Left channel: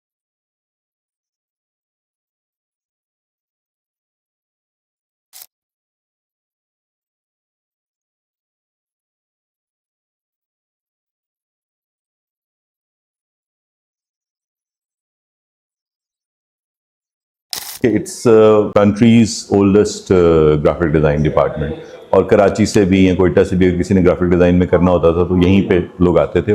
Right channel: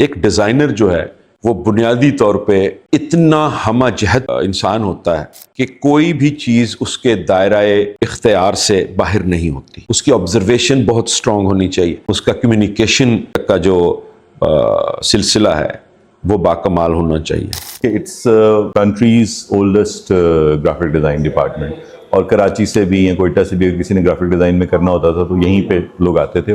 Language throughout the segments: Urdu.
ایک ڈیزائنر جو ہے وہ بنیادی طور پہ اتنا ہمہ جہت انسان ہوتا ہے کہ کوئی بھی چیز اس کے دائرہ اختیار سے باہر نہیں ہوتی. اس کی آبزرویشن بہت سٹرونگ ہونی چاہیے. اس کا کمیونیکیشن کا جو سلسلہ ہے وہ باکمال ہونا چاہیے. It's country's oldest graphic design department, اور کراچی سے بھی یا کوئٹہ سے بھی اگر کسی نے گرافک ڈیزائن میں کرنا ہوتا تھا تو یہیں پہ لوگ آتے تھے.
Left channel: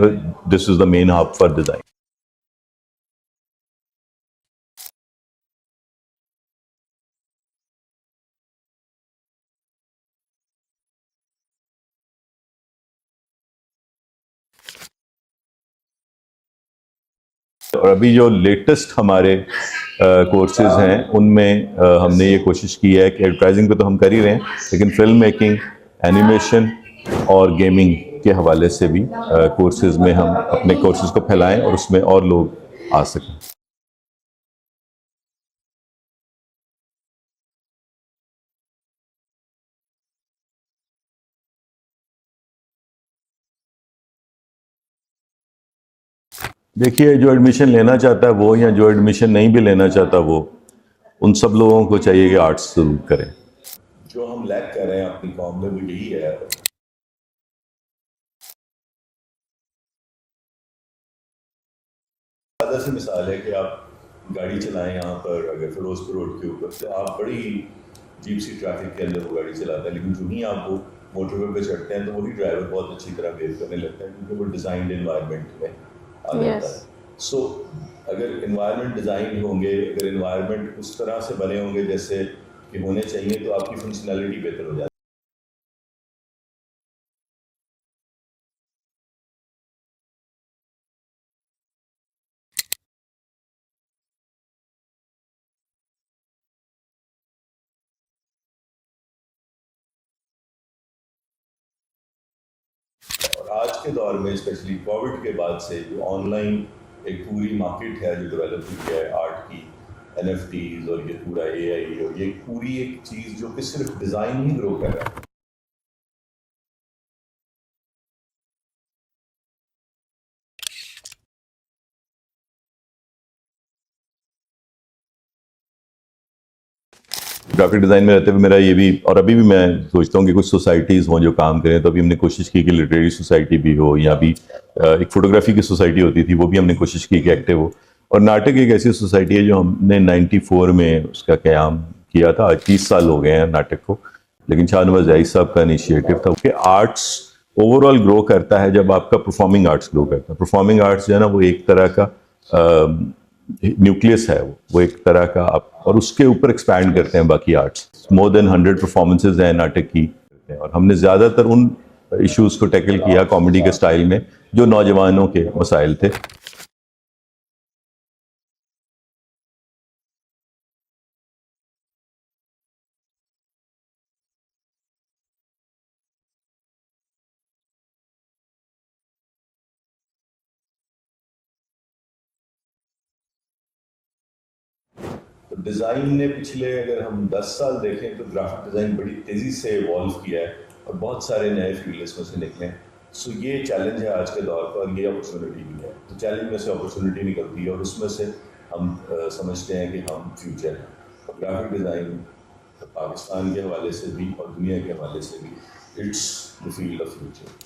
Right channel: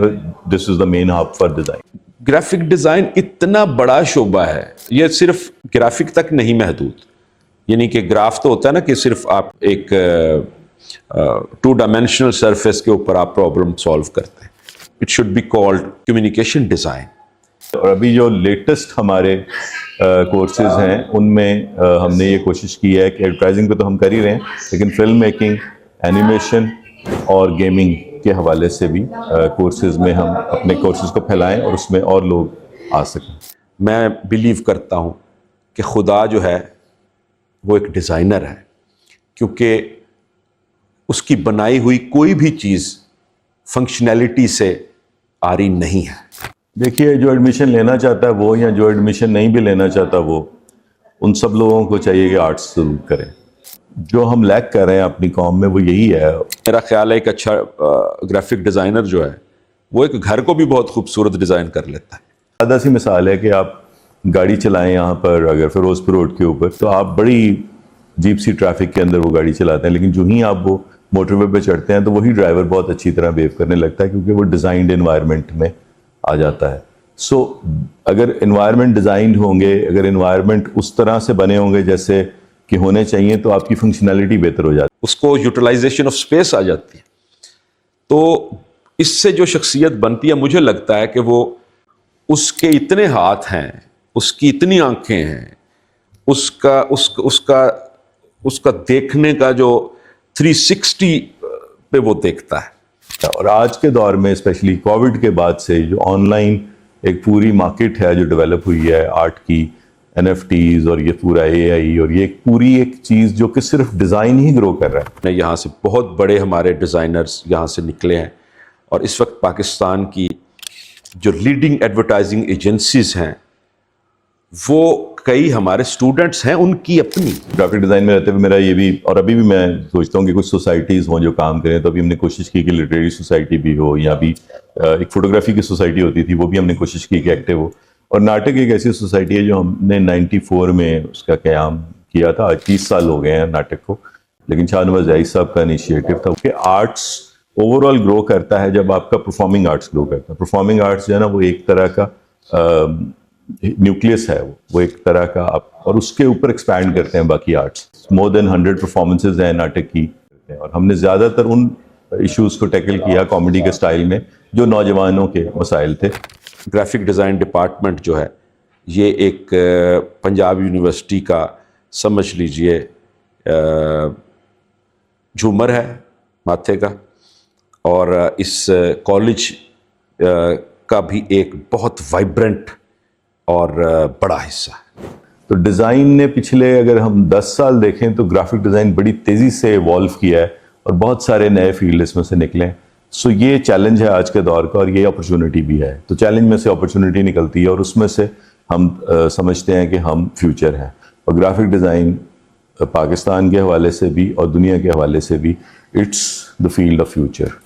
This is the main hub for design. Graphic design اتنا بڑا شعبہ ہے, یہ صرف گرافک تک نہیں محدود. یعنی کہ گراف تو ہوتا ہے نا کہ صرف آپ ایک 2 ڈائمینشنل سرفیس کے اوپر آپ پرابلم سالو کرتے ہیں. It should be called communication design. اور ابھی جو لیٹسٹ ہمارے کورسز ہیں ان میں ہم نے یہ کوشش کی ہے کہ ایڈورٹائزنگ پہ تو ہم کر ہی رہے ہیں, لیکن فلم میکنگ, اینیمیشن اور گیمنگ کے حوالے سے بھی کورسز میں ہم اپنے کورسز کو پھیلائیں اور اس میں اور لوگ آ سکیں. میں بلیو کرتا ہوں کہ خدا جو ہے وہ ایک ڈیزائنر ہے, کیونکہ اس کی بنائی ہوئی کوئی بھی چیز فنکشنالٹی سے عاری نہیں ہے. دیکھیے, جو ایڈمیشن لینا چاہتا ہے وہ, یا جو ایڈمیشن نہیں بھی لینا چاہتا وہ, ان سب لوگوں کو چاہیے کہ آرٹس ضرور کریں. جو ہم لیک کر رہے ہیں اپنی قوم میں وہ یہی ہے. میرا خیال ہے ایک اچھا گرافک ڈیزائنر جو ہے وہ ایک گھر کو بھی بہت خوبصورت ڈیزائن کر لیتا ہے. سادہ سی مثال ہے کہ آپ گاڑی چلائیں یہاں پر, اگر فیروز پور روڈ کے اوپر, تو آپ بڑی جیپ سی ٹریفک کے اندر وہ گاڑی چلاتے ہیں, لیکن جو ہی آپ وہ موٹر وے پہ چڑھتے ہیں تو وہی ڈرائیور بہت اچھی طرح بیہیو کرنے لگتا ہے, کیونکہ وہ ڈیزائنڈ انوائرمنٹ میں آ جاتا ہے. سو اگر انوائرمنٹ ڈیزائنڈ ہوں گے, اگر انوائرمنٹ اس طرح سے بنے ہوں گے جیسے کہ ہونے چاہیے, تو آپ کی فنکشنالٹی بہتر ہو جاتی ہے. اس کو یوٹیلائزیشن آف اسپیس آ جاتی ہے. تو اس سے جو شخصیت بنتی ہے, مجھے لگتا ہے کہ وہ, اس کے اتنے ہاتھ ہیں, اس کی اتنی آنکھیں ہیں, اس کا دیکھنے کا جو 360 پہ وہ دیکھتا ہے. اور آج کے دور میں اسپیشلی کووڈ کے بعد سے جو آن لائن ایک پوری مارکیٹ ہے جو ڈیولپ ہوئی ہے آرٹ کی, NFTs اور یہ پورا AI, اور یہ پوری ایک چیز جو کہ صرف ڈیزائن ہی گرو کر رہا ہے. یہاں سے بہت بڑے ہمارے ڈیزائنرز یہاں سے نکلے ہیں, اور اس وقت پاکستان کی جو لیڈنگ ایڈورٹائزنگ ایجنسیز ہیں وہ کئی ہمارے اسٹوڈنٹس ہیں, ان کی اپنی. گرافک ڈیزائن میں رہتے ہوئے میرا یہ بھی, اور ابھی بھی میں سوچتا ہوں کہ کچھ سوسائٹیز ہوں جو کام کریں, تو ابھی ہم نے کوشش کی کہ لٹریری سوسائٹی بھی ہو, یا بھی ایک فوٹوگرافی کی سوسائٹی ہوتی تھی وہ بھی ہم نے کوشش کی کہ ایکٹیو ہو. اور ناٹک ایک ایسی سوسائٹی ہے جو ہم نے 94 میں اس کا قیام کیا تھا. آج 30 سال ہو گئے ہیں ناٹک کو, لیکن شاہ نواز زاہد صاحب کا انیشیٹو تھا کہ آرٹس اوور آل گرو کرتا ہے جب آپ کا پرفارمنگ آرٹس گرو کرتا ہے. پرفارمنگ آرٹس جو ہے نا وہ ایک طرح کا نیوکلیس ہے, وہ ایک طرح کا آپ, اور اس کے اوپر ایکسپینڈ کرتے ہیں باقی آرٹس. مور دین 100 پرفارمنسز ہیں ناٹک کی, اور ہم نے زیادہ تر ان ایشوز کو ٹیکل کیا کامیڈی کے سٹائل میں جو نوجوانوں کے مسائل تھے. گرافک ڈیزائن ڈپارٹمنٹ جو ہے یہ ایک پنجاب یونیورسٹی کا سمجھ لیجئے جھومر ہے ماتھے کا, اور اس کالج کا بھی ایک بہت وائبرنٹ اور بڑا حصہ ہے. تو ڈیزائن نے پچھلے اگر ہم 10 سال دیکھیں تو گرافک ڈیزائن بڑی تیزی سے ایوالو کیا ہے, اور بہت سارے نئے فیلڈ اس میں سے نکلے ہیں. سو یہ چیلنج ہے آج کے دور کا, اور یہ اپرچونٹی بھی ہے. تو چیلنج میں سے اپرچونٹی نکلتی ہے, اور اس میں سے ہم سمجھتے ہیں کہ ہم فیوچر ہیں. اور گرافک ڈیزائن پاکستان کے حوالے سے بھی اور دنیا کے حوالے سے بھی it's the field of future.